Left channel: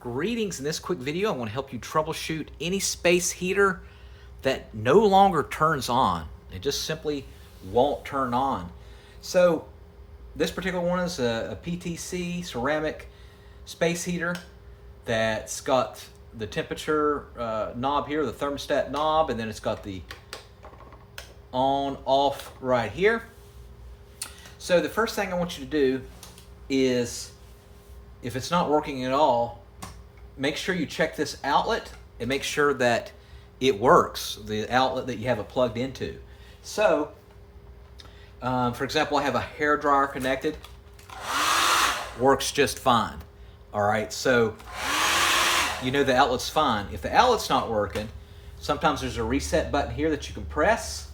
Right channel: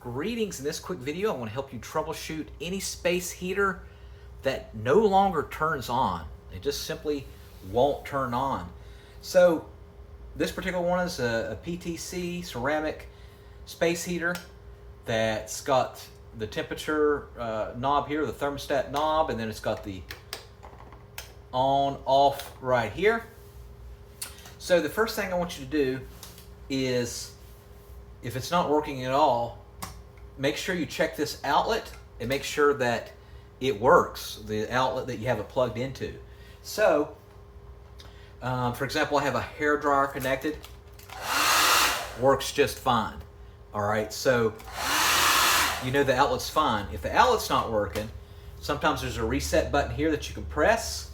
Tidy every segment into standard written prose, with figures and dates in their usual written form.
Greetings. In this quick video, I want to help you troubleshoot any space heater that no longer turns on. It just simply won't turn on. So this particular one is a PTC ceramic space heater that's got the temperature knob here, the thermostat knob, and then it's got the on off right here. So the first thing I want you to do is, if it's not working at all, make sure you check this outlet and make sure that it works, the outlet that you have it plugged into. So, for example, I have a hair dryer connected, works just fine. All right, so you know the outlet's fine. If the outlet's not working, sometimes there's a reset button here that you can press,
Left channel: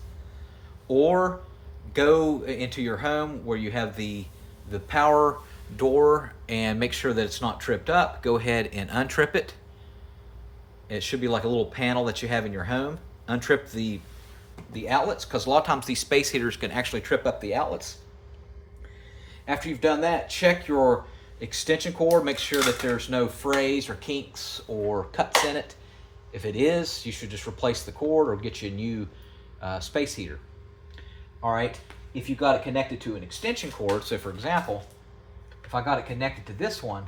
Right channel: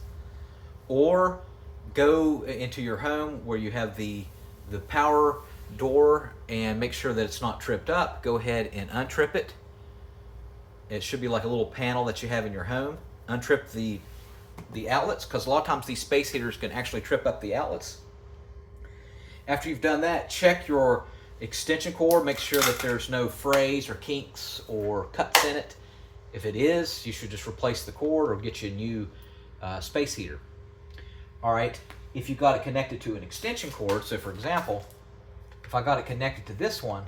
or go into your home where you have the power door and make sure that it's not tripped up. Go ahead and untrip it. It should be like a little panel that you have in your home. Untrip the outlets, because a lot of times these space heaters can actually trip up the outlets. After you've done that, check your extension cord. Make sure that there's no frays or kinks or cuts in it. If it is, you should just replace the cord or get you a new space heater. All right, if you've got it connected to an extension cord, so for example, if I got it connected to this one,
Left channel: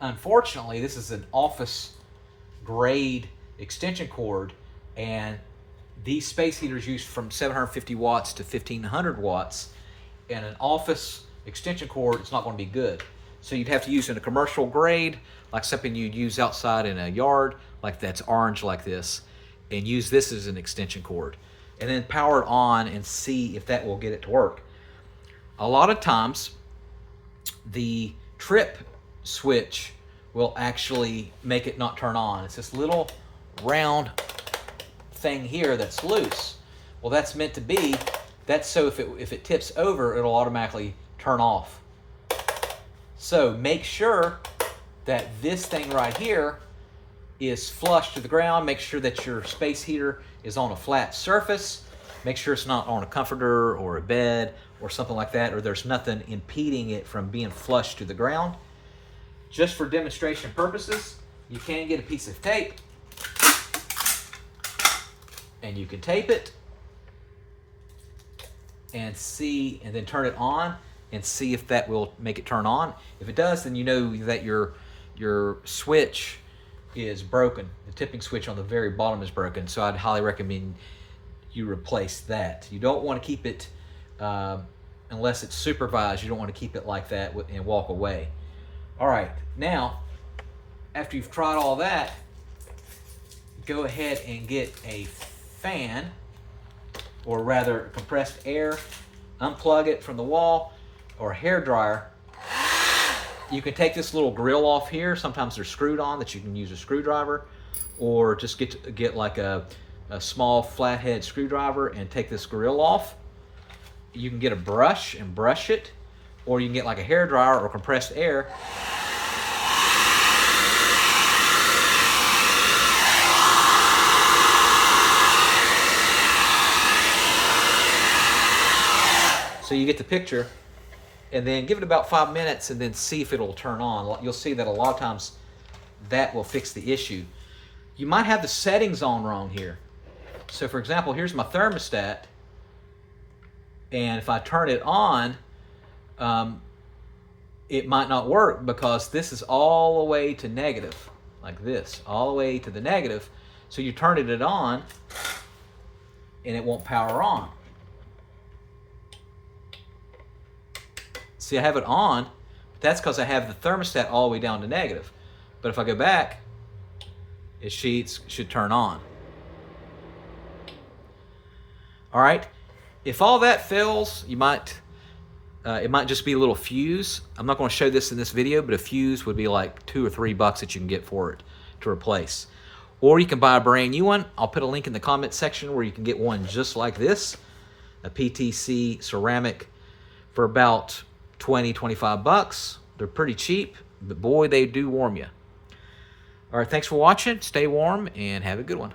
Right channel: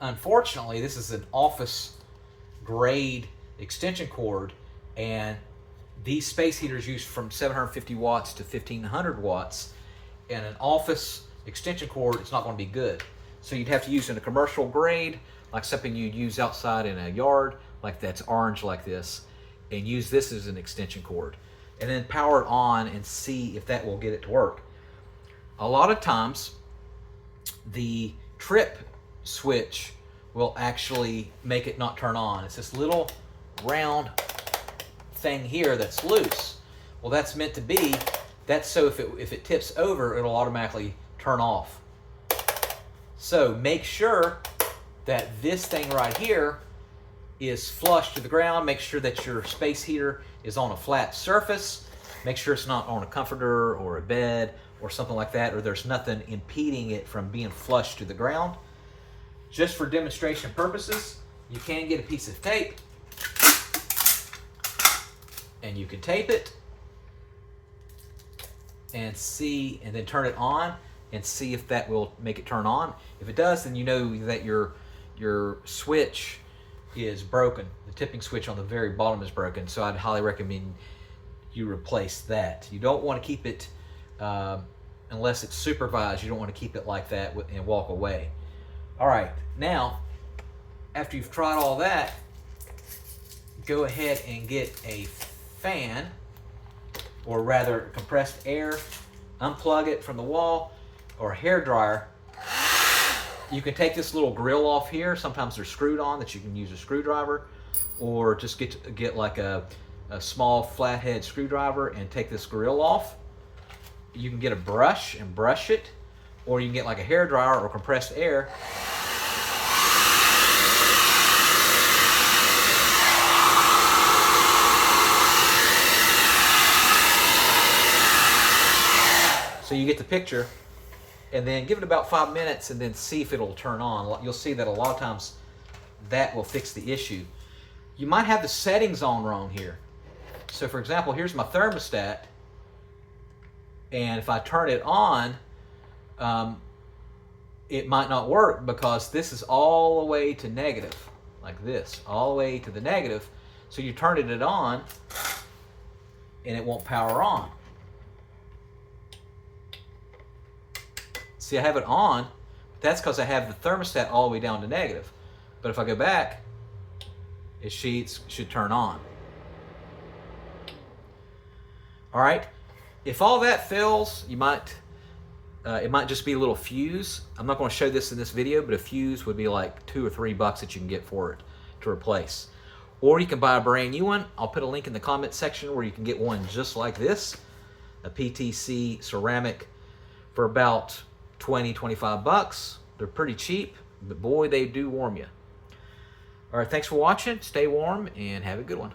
unfortunately, this is an office grade extension cord, and these space heaters use from 750 watts to 1500 watts, and an office extension cord is not going to be good. So you'd have to use in a commercial grade, like something you'd use outside in a yard, like that's orange like this, and use this as an extension cord, and then power it on and see if that will get it to work. A lot of times, the trip switch will actually make it not turn on. It's this little round thing here that's loose. Well, that's meant to be, that's so if it tips over, it'll automatically turn off. So make sure that this thing right here is flush to the ground. Make sure that your space heater is on a flat surface. Make sure it's not on a comforter or a bed or something like that, or there's nothing impeding it from being flush to the ground. Just for demonstration purposes, you can get a piece of tape and you can tape it and see, and then turn it on and see if that will make it turn on. If it does, then you know that your switch is broken. The tipping switch on the very bottom is broken, so I'd highly recommend you replace that. You don't want to keep it unless it's supervised. You don't want to keep it like that and walk away. All right, now after you've tried all that, go ahead and get a fan, or rather compressed air, unplug it from the wall, or a hair dryer. You can take this little grill off here. Sometimes they're screwed on that you can use a screwdriver, or just get like a small flathead screwdriver and take this grill off. You can get a brush and brush it, or you can get like a hair dryer or compressed air. So you get the picture, and then give it about 5 minutes and then see if it'll turn on. You'll see that a lot of times that will fix the issue. You might have the settings on wrong here. So for example, here's my thermostat, and if I turn it on, it might not work because this is all the way to negative, like this, all the way to the negative. So you turn it on and it won't power on. See, I have it on, but that's because I have the thermostat all the way down to negative. But if I go back, it should turn on. All right, if all that fails, you might it might just be a little fuse. I'm not going to show this in this video, but a fuse would be like $2 or $3 that you can get for it to replace. Or you can buy a brand new one. I'll put a link in the comment section where you can get one just like this, a PTC ceramic, for about 20-25 bucks. They're pretty cheap, but boy, they do warm you. All right, thanks for watching. Stay warm and have a good one.